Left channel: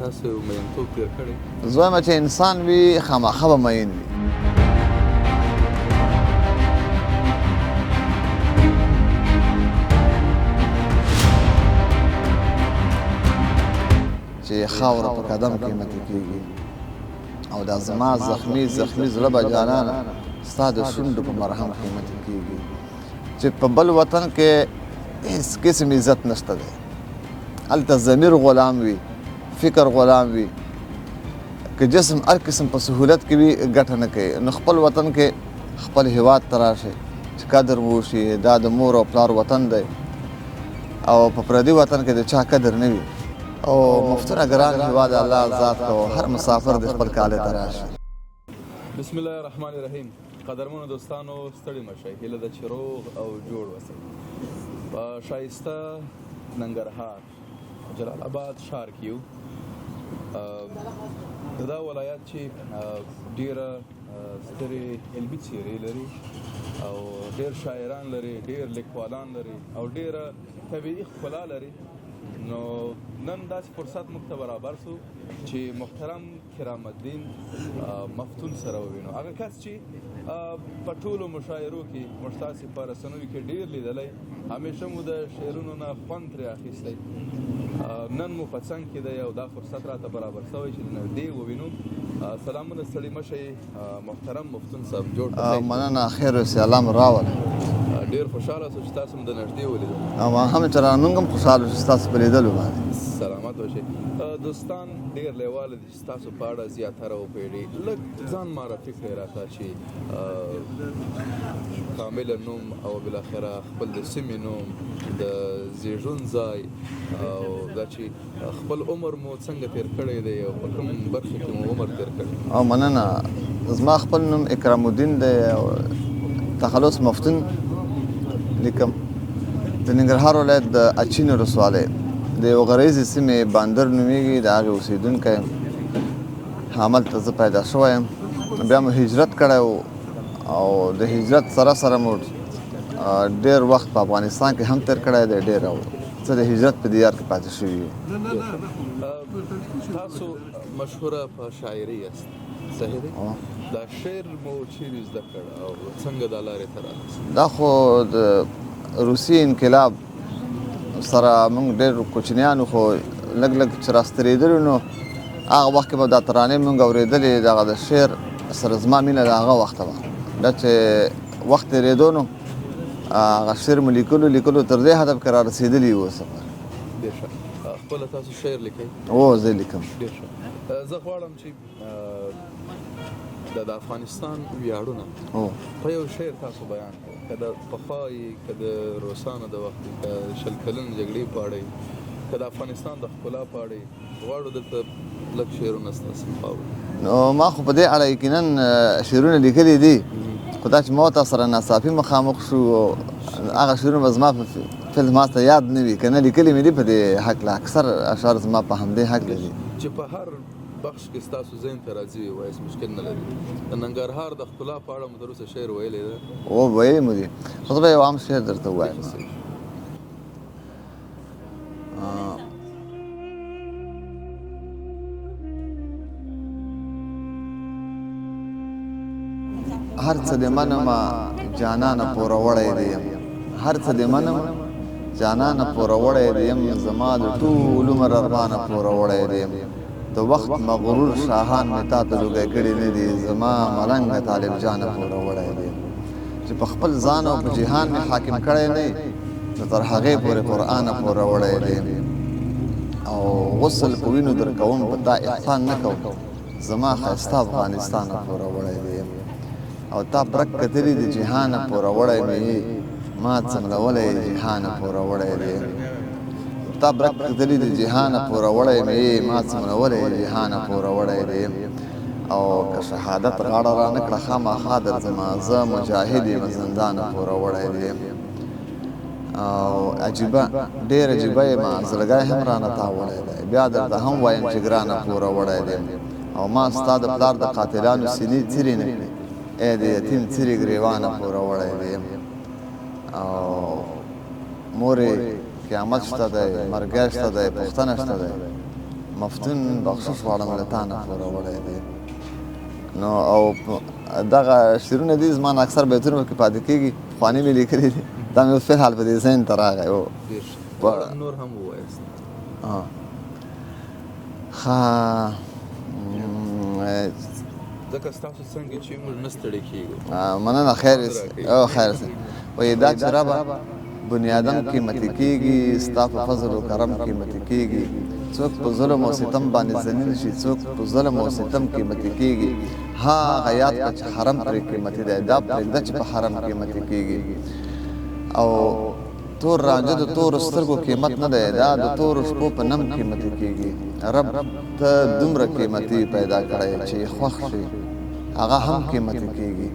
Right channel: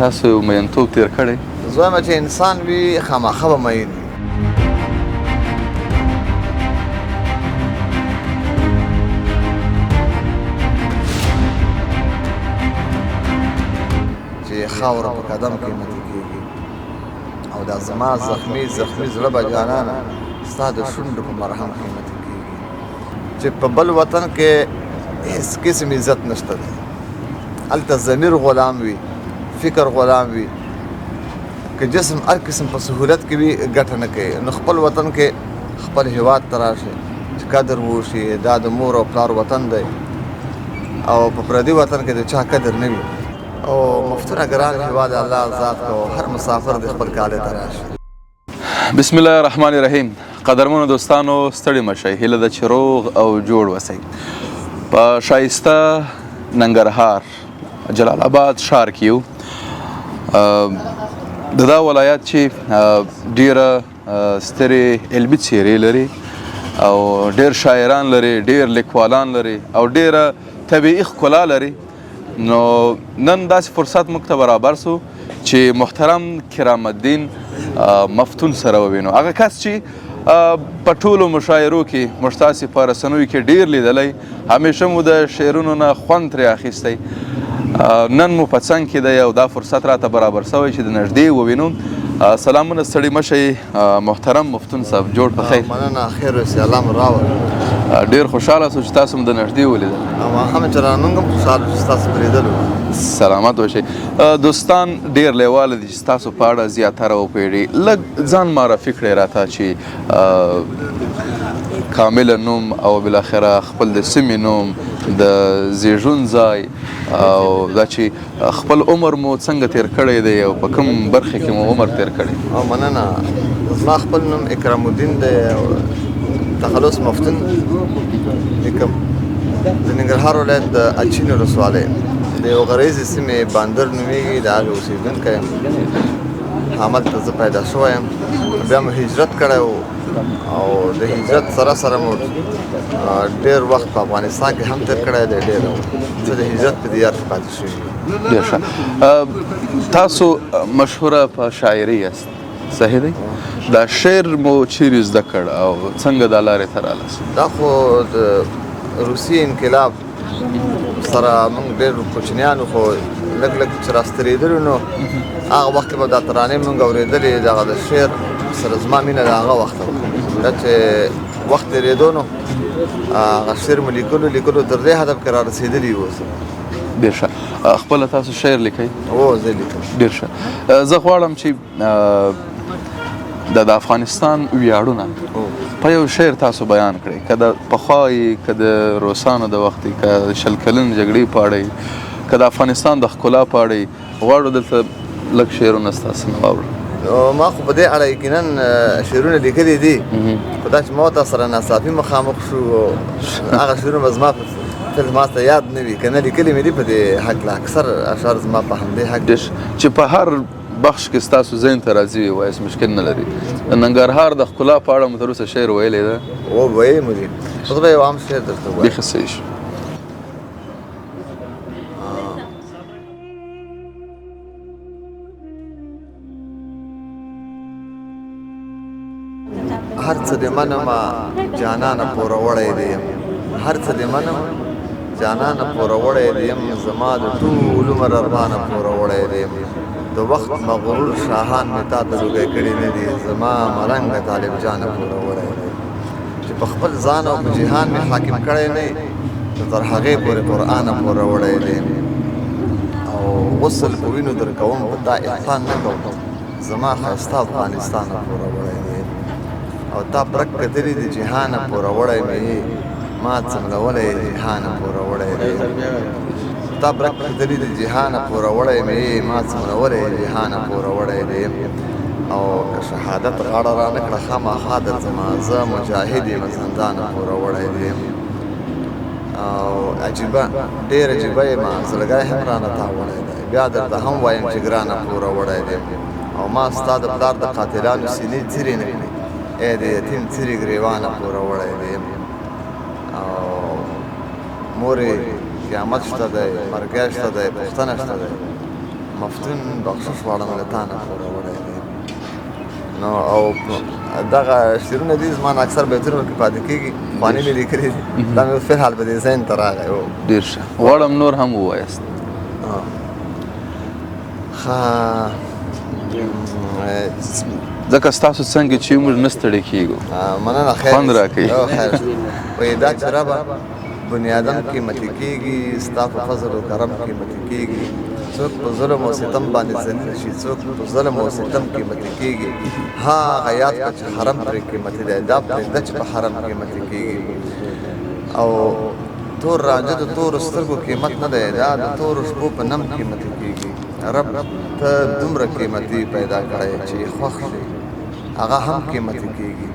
تاسو مینتوب تیر کړی؟ زه وایم چې انسان وي خامخا به مین وي. چې خاوره په قدم قیمتي کېږي او دا زما زخمي زړه به جانانه ستا د شونډو په مرهم قیمتي کېږي. چې په بل وطن کې هېڅ قسم عزت نشته دی. هلته ضمیر غلام وي، فکر غلام وي، که جسم هر قسم په سهولت کې وي ګټه نه کوي. نو خپل وطن کې خپل هېواد ته راشئ چې قدر وشي. دا د مور او پلار وطن دی او په پردي وطن کې د چا قدر نه وي. او مفتونه ګران هېواد الله ذات کو هر مسافر د خپل کالې ته راشي. بسم الله الرحمن الرحیم. قدرمنو دوستانو ستړي مشئ، هیله ده چې روغ او جوړ اوسئ. په ښایسته ننګرهار جلال آباد ښار کې یو. د دا ولایت چې ډیره سترې علمي څیرې لري او ډیر شاعران لري، ډیر لیکوالان لري او ډیره طبیعي ښکلا لري. نو نن داسې فرصت موږ ته برابر سو چې محترم کرام الدین مفتون سره ووینو. هغه کس چې په ټولو مشاعرو کې موږ تاسې په رسنیو کې ډیر لیدلی، همیشه مو د شعرونو نه خوند ترې اخیستی. نن مو په څنګ کې دی او دا فرصت راته برابر سوی چې د نږدې ووینو. سلامونه ستړي مشئ محترم مفتون صاحب، جوړ په خیر. مننه، خیر اوسې، الله مو راوړ. ډېر خوشحاله سو چې تاسو هم د نږدې ولیدل. هم چې موږ هم خوشحاله چې تاسو په لیدلو. سلامت اوسئ. دوستان ډېر لیواله دي چې ستاسو په اړه زیاتره وپوهېږي. لږ ځان معرفي کړئ راته چې کامله نوم او بالاخره خپل د سیمې نوم، د زیږون ځای او دا چې خپل عمر مو څنګه تیر کړی دی او په کوم برخه کې مو عمر تیر کړی. او مننه. زما خپل نوم اکرام الدین دی او تخلص مفتون لیکم. د ننګرهار ولایت د اچین ولسوالۍ د یو غریزې سیمې باندر نومیږي، د هغې اوسېدونکی یم. هملته زه پیدا شوی یم. بیا مو هجرت کړی و او د هجرت سره سره مو ډېر وخت په افغانستان کې هم تېر کړی دی. ډېر زه د هجرت په دیار کې پاتې شوي یم. ډېر ښه. تاسو مشهوره په شاعري یاست، صحیح دی؟ دا شعر مو چیرې زده کړ او څنګه دا لارې ته رالاست؟ دا خو د روسیې انقلاب سره موږ ډېر کوچنیانو خو لږ لږ چې راسترېدلو نو هغه وخت کې به دا ترانې موږ اورېدلې. دغه د شعر سره زما مینه د هغه وخته وه. دا چې وخت تېرېدو نو هغه شعر مو لیکلو تر دې هدف کې را رسېدلي یو. ډېر ښه. خپله تاسو شعر لیکئ؟ هو زه لیکم. ډېر ښه. زه غواړم چې د افغانستان ویاړونه په یو شعر تاسو بیان کړئ. که د پخوا یې، که د روسانو د وخت یې، که شل کلن جګړې په اړه یې، که د افغانستان د ښکلا په اړه یې، غواړو دلته لږ شعرونه ستاسو نه واورو. ما خو په دې اړه یقینا شعرونه لیکلي دي، خو دا چې ما ورته سره ناڅاپي مخامخ شو هغه شعرونه به زما ما ته یاد نه وي. که نه لیکلي مې دي په دې هکله. اکثر اشعار زما په همدې هکله چې په هر بخش کې ستاسو ذهن ته راځي وایاست، مشکل نه لري. د ننګرهار د ښکلا په اړه مو تر اوسه شعر ویلی ده؟ ویلی مو دي، خو زه به یو عام شعر درته ووایم. بیخي صحیح شو. هر څه دې منمه جانانه پوروړی دې یم. هر څه دې منم جانانه پوروړی دې یم. زما د ټول عمر ارمانه پوروړی دې یم. د وخت مغرور شاهان مې تا ته لوګی کړي نه دي. زما ملنګه طالب جانه پوروړی دی چې په خپل ځان او په جهان مې حاکم کړی نه یې. تر هغې پورې قرآنه پوروړی دی او غسل په وینو در کوم په تا احسان نه کوم. زما ښایسته افغانستانه پوروړی دی او تا پرک کتلي د جهانه پوروړی مې یې. ما څنګولی جهانه پوروړی دی. تا پرک کتلي د جهانه پوروړی مې یې. ما څنګولی جهانه پوروړی دی او که شهادت غاړه را نه کړه خامخا درځمه. زه مجاهد یم زندانه پوروړی دی او عجیبه ډېر عجیبه یم. زړګی هم رانه تاولی دی. بیا درته هم وایم چې ګرانه پوروړی دی او ما ستا د پلار د قاتلانو سینې څیرې نه کړي. ای د یتیم څیرې ګریوانه پوروړی دی او مورې قیامت شته دی، مرګی شته دی، پوښتنه شته دی. مفتون بخشش غواړم له تا نه پوروړی دی نو او دغه شعرونه دي زما نه اکثر بیتونه کې پاتې کېږي پخواني مې لیکلي دي دا مې فلحال په دې ذهن ته راغی ډېر ښه غواړم نور هم ووایاست ځکه ستاسو څنګه چې موږ نه ستړي کېږو مننه خیر خوند راکوي خیر وایي دا چې ربه بنیادم قیمتي کېږي ستا په فضل و کرم قیمتي کېږي څوک په ظلم او ستم باندې ذلیل شي څوک په ظلم او ستم قیمتي کېږي هغه یاد کړه چې حرم پرې قیمتي دی دا پرېږده چې په حرم قیمتي کېږي او تور رانجه د تورو سترګو قیمت نه دی دا د تورو شپو په نم قیمتي کېږي رب ته دومره قیمتي پیدا کړی چې خوښ شي هغه هم قیمتي کېږي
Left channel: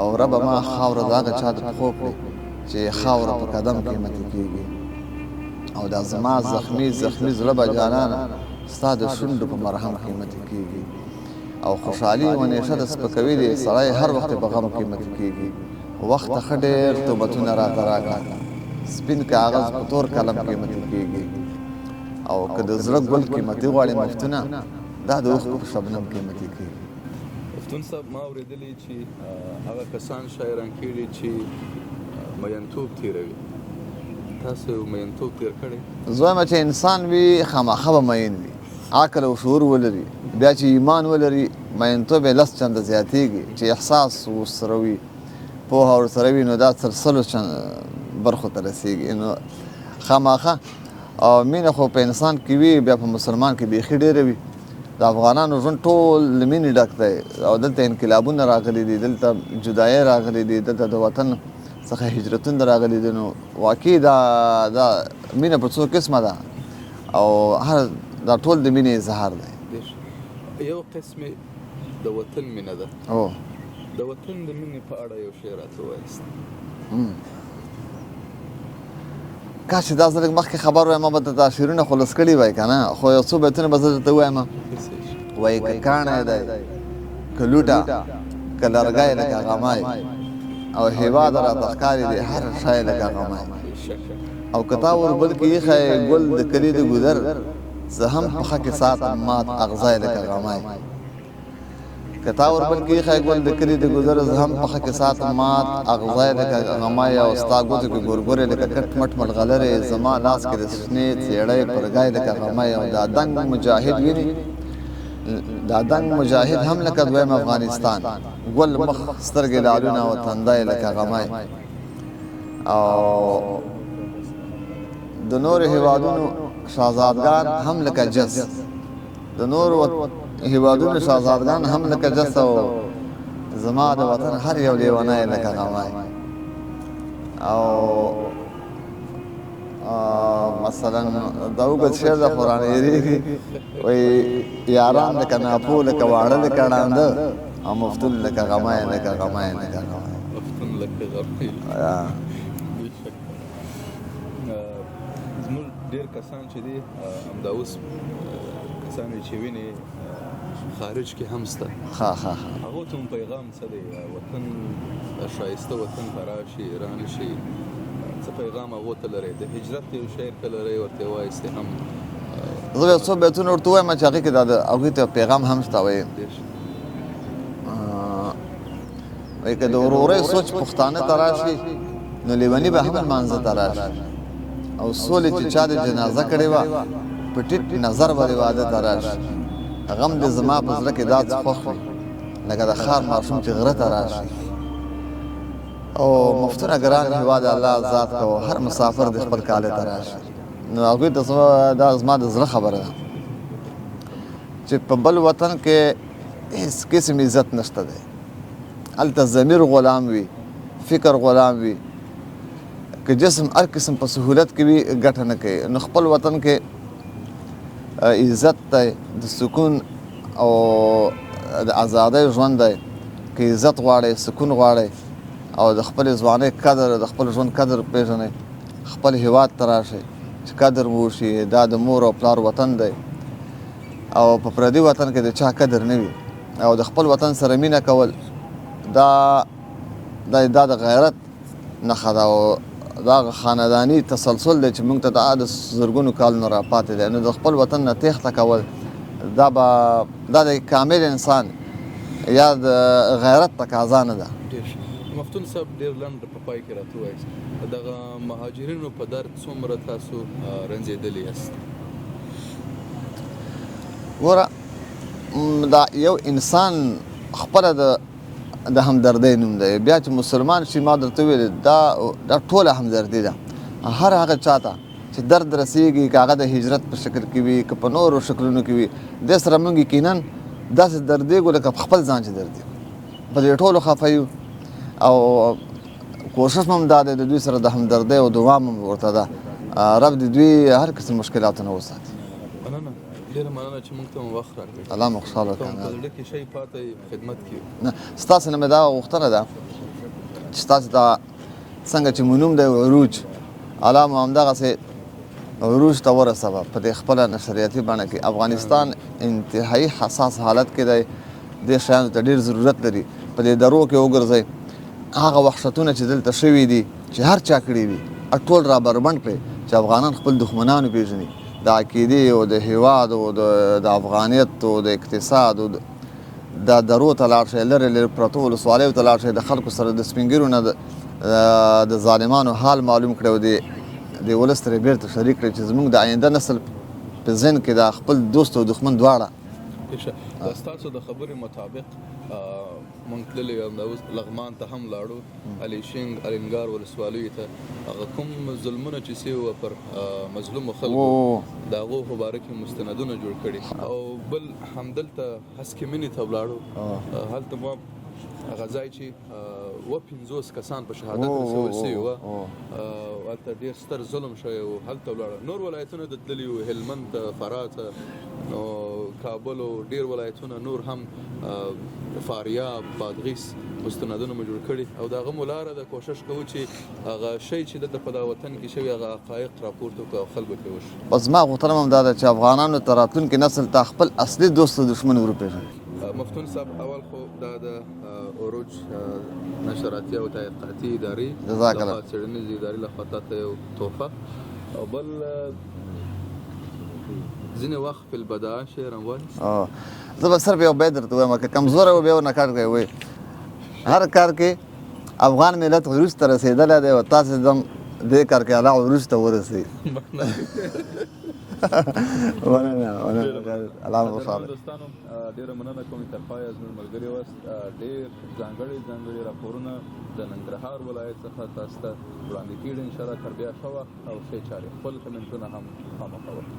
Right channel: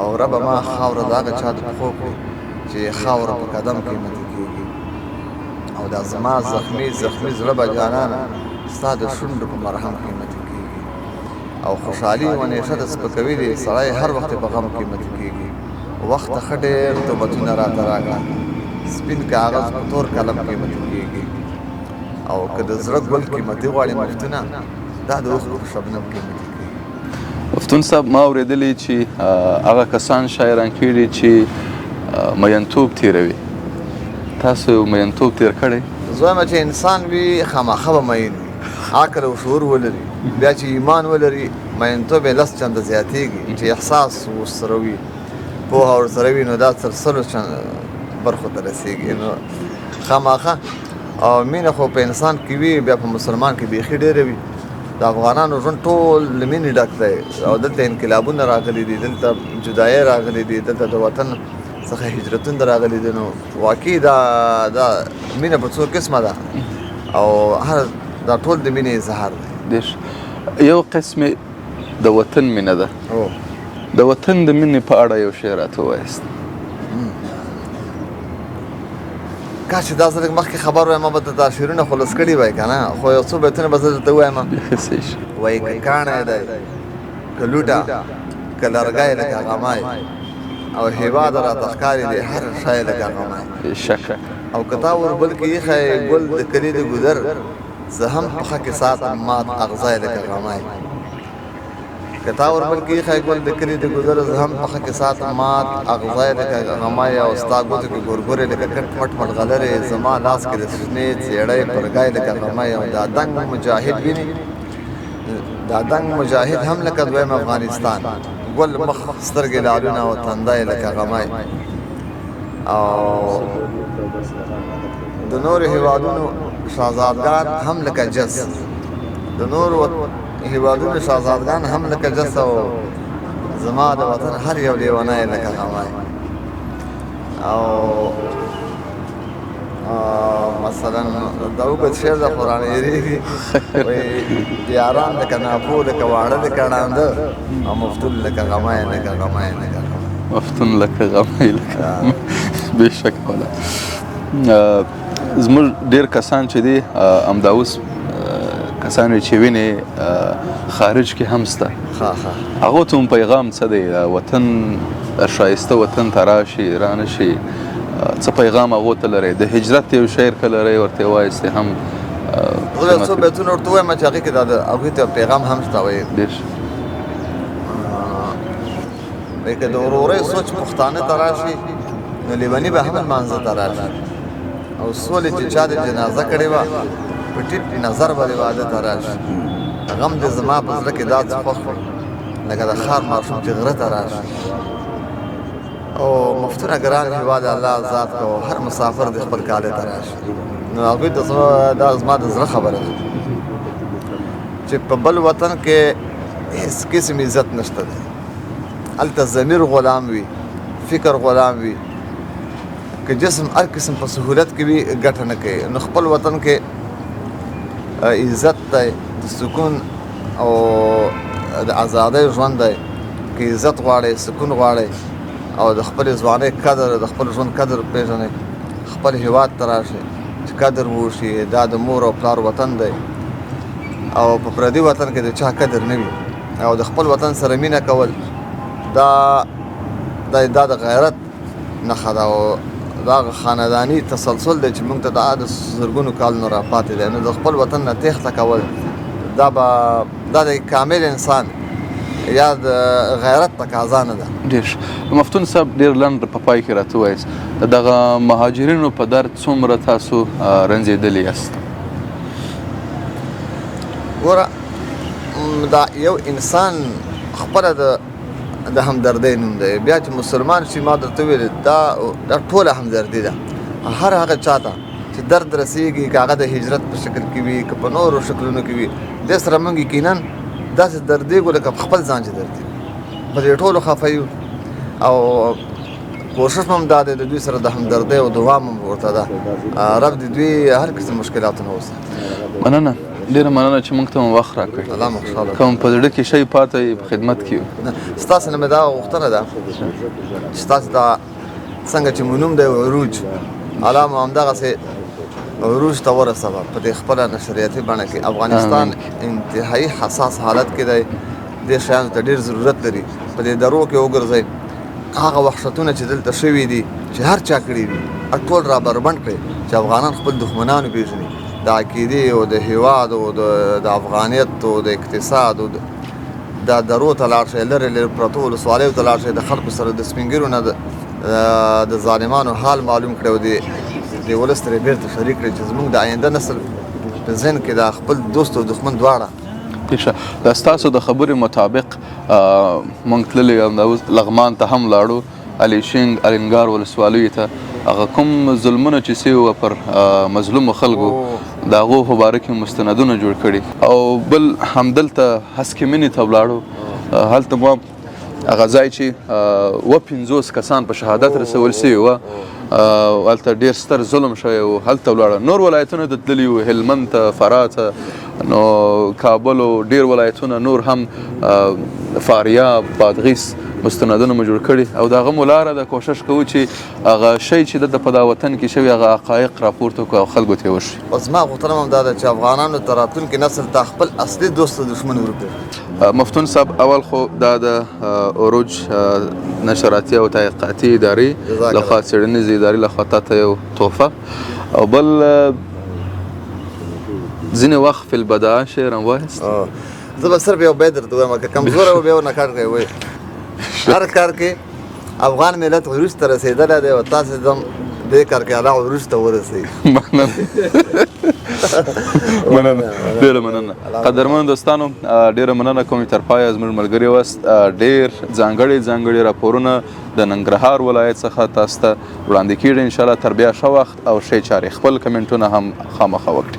او رب ما خاوره د هغه چا ته پښو کړي چې خاوره په قدم قیمتي کېږي او دا زما زخمي زړه به جانانه ستا د شونډو په مرهم قیمتي کېږي او خوشحالي و نیشه د سپکوي دی سړی هر وخت په غم قیمتي کېږي وخت ښه ډېر توبتونه راته راکړه سپین کاغذ په تور قلم قیمتي کېږي او که د زړه ګل قیمتي غواړي مفتونه دا د اوښکو په شبنم قیمتي کېږي مفتون صاحب ما اورېدلی چې هغه کسان شاعران کړي چې مینتوب تیروي تاسو میینتوب تیر کړی زه وایم چې انسان وي خامخا به مین وي عقل او شعور ولري بیا چې ایمان ولري مینتوب یې لس چنده زیاتېږي چې احساس ورسره وي پوهه ورسره وي نو دا تر سلو برخو ته رسېږي نو خامخا او مینه خو په انسان کې وي بیا په مسلمان کې بیخي ډېره وي د افغانانو ژوند ټول له مینې ډک دی او دلته انقلابونه راغلي دي دلته جدایۍ راغلي دي دلته د وطن څخه هجرتونه راغلي دي نو واقعي دا مینه په څو قسمه ده او هر دا ټول د مینې اظهار دی یو قسمې د وطن مینه ده د وطن د مینې په اړه یو شعر راته ووایاست کاش چې دا زه لږ مخکې خبر وایم ما به دا شعرونه خلاص کړي وای که نه خو یو څو بیتونه به زه درته ووایم وایي که کاڼی دی که لوټه که لرګی لکه غمی او هېواد راته ښکاري دی هر شی لکه غمی بېشکه او که تا وربل کې ایښی ګل د کلي د ګودر زه هم پښه کې ساتم مات اغزی لکه غمی که تا وربل کې ایښی ګل د کلي د ګودر زه هم پښه کې ساتم مات اغزی لکه غمی او ستا ګوتو کې ګورګورې لکه کټ مټ ملغلرې زما لاس کې د شنې څېړۍ پرګی لکه غمی او دا دنګ مجاهد ویني دا دنګ مجاهد هم لکه دویم افغانستان ګل مخ سترګې لالونه او تندی لکه غمی او د نورو هېوادونو شهزادګان هم لکه جس د نورو هېوادونو شهزادګان هم لکه جس او زما د وطن هر یو لیونی لکه غمی او مثلا دا اوږد شعر د قرآن هېرېږي وایي یاران لکه ناپو لکه واړه لکه ړانده او مفتون لکه غمی لکه غمی لکه غمی مفتون لکه غمی لکه بېشکه والا زموږ ډېر کسان چې دي همدا اوس کسان چې وینې خارج کې هم شته هغو ته هم پیغام څه دی وطن ښایسته وطن ته راشي رانشي څه پیغام هغو ته لرئ د هجرت یو شعر که لرئ ورته وایستې هم زه یو څو بیتونه ورته ووایم چې هغې کې دا د هغوی ته پیغام هم شته وایي که د ورورۍ سوچ پښتانه ته راشي نو لیوني به هم لمانځه ته راشي او سولې چې چا د جنازه کړې وه په ټیټ نظر به د واده ته راشي غم دې زما په زړه کې دا څه خوښ وي لکه د ښار ماشوم چې غره ته راشي او مفتونه ګران هېواد الله ذات کو هر مسافر د خپل کاله ته راشي نو هغوی ته دا زما د زړه خبره ده چې په بل وطن کې هېڅ قسم عزت نشته دی هلته ضمیر غلام وي فکر غلام وي که جسم هر قسم په سهولت کې وي ګټه نه کوي نو خپل وطن کې عزت دی د سکون او د ازادۍ ژوند دی که عزت غواړئ سکون غواړئ او د خپلې ځوانۍ قدر د خپل ژوند قدر پېژنئ خپل هېواد ته راشئ چې قدر وشي دا د مور او پلار وطن دی او په پردي وطن کې د چا قدر نه وي او د خپل وطن سره مینه کول دا د غیرت نښه ده او دا خانداني تسلسل دی چې موږ ته د زرګونو کالونو راپاتې دی نو د خپل وطن نه تېښته کول دا د کامل انسان یا د غیرت تقاضا نه ده. ډېر مفتون صاحب ډېر لنډ په پای کې راته ووایاست دغه مهاجرینو په درد څومره تاسو رنځېدلي یاست؟ ګوره دا یو انسان خپله د همدردۍ نوم دی. بیا چې مسلمان شي ما درته وویل دا ټوله همدردي ده. هر هغه چا ته چې درد رسېږي که هغه د هجرت په شکل کې وي که په نورو شکلونو کې وي دې سره موږ یقینا داسې دردېږو لکه په خپل ځان چې دردېږو. په دې ټولو خفه یو او کوشش مو هم دا دی د دوی سره د همدردۍ او دعا مو ورته ده رب د دوی هر قسم مشکلاتو نه وساتي. مننه ډېره مننه چې موږ ته مو وخت راکړ. الله مو خوشحاله کوم په زړه کې شی پاته په خدمت کې یو. ستاسو نه مې دا غوښتنه ده چې ستاسو دا څنګه چې مو نوم دی عروج الله مو همدغسې عروج ته ورسوه په دې خپله نشریاتي بڼه کې. افغانستان انتهایي حساس حالت کې دی. دې شیانو ته ډېر ضرورت لري. په دې درو کې وګرځئ هغه وحشتونه چې دلته شوي دي چې هر چا کړي وي ټول را بربنډ کړئ چې افغانان خپل دښمنان وپېژني. د عقیدې او د هېواد او د افغانیت او د اقتصاد او دا درو ته لاړ شئ لرې لرې پرتو ولسوالیو ته لاړ شئ د خلکو سره د سپین ږیرو نه د ظالمانو حال معلوم کړئ او د ولس ترې بېرته شریک کړئ چې زموږ د آینده نسل په ذهن کې دا خپل دوست او دښمن دواړه. دا ستاسو د خبرې مطابق موږ تللي لغمان ته هم لاړو الیشنګ الینګار ولسوالیو ته هغه کوم ظلمونه چې سوي وه پر مظلومو خلکو د هغو په باره کې مستندونه جوړ کړي او بل همدلته هسکې مینې ته ولاړو هلته مو هغه ځای چې 50 کسان په شهادت رسول سوي وه هلته ډېر ستر ظلم شوی و هلته ولاړه. نور ولایتونه ته تللي وو هلمند ته فراه ته نو کابل او ډېر ولایتونه نور هم فاریاب بادغیس مستندونه مو جوړ کړي او د هغه مو لاره ده کوشش کوو چې هغه شی چې دلته په دا وطن کې شوي هغه حقایق راپورته کړو او خلکو ته یې وښیي. او زما غوښتنه هم دا ده چې افغانانو ته راتلونکي نسل ته خپل اصلي دوست او دښمن وروپېژني. مفتون صاحب اول خو دا د عروج نشراتي او تحقیقاتي ادارې لخوا څېړنیزې ادارې لخوا تاته یو تحفه او بل ځینې وخت فی البداء شعر هم وایست. زه به صرف یو بیت درته وایم که کمزوری و بیا ورنه کار کوئ وایي هر کار کې افغان ملت عروج ته رسېدلی دی او تاسې هم دې کار کې الله عروج ته ورسوي. مننه ډېره مننه. قدرمنو دوستانو ډېره مننه کوم چې تر پایه زموږ ملګري واست. ډېر ځانګړي راپورونه د ننګرهار ولایت څخه تاسو ته وړاندې کېږي انشاءالله تر بیا ښه وخت او ښې چارې. خپل کمنټونه هم خامخا وکړئ.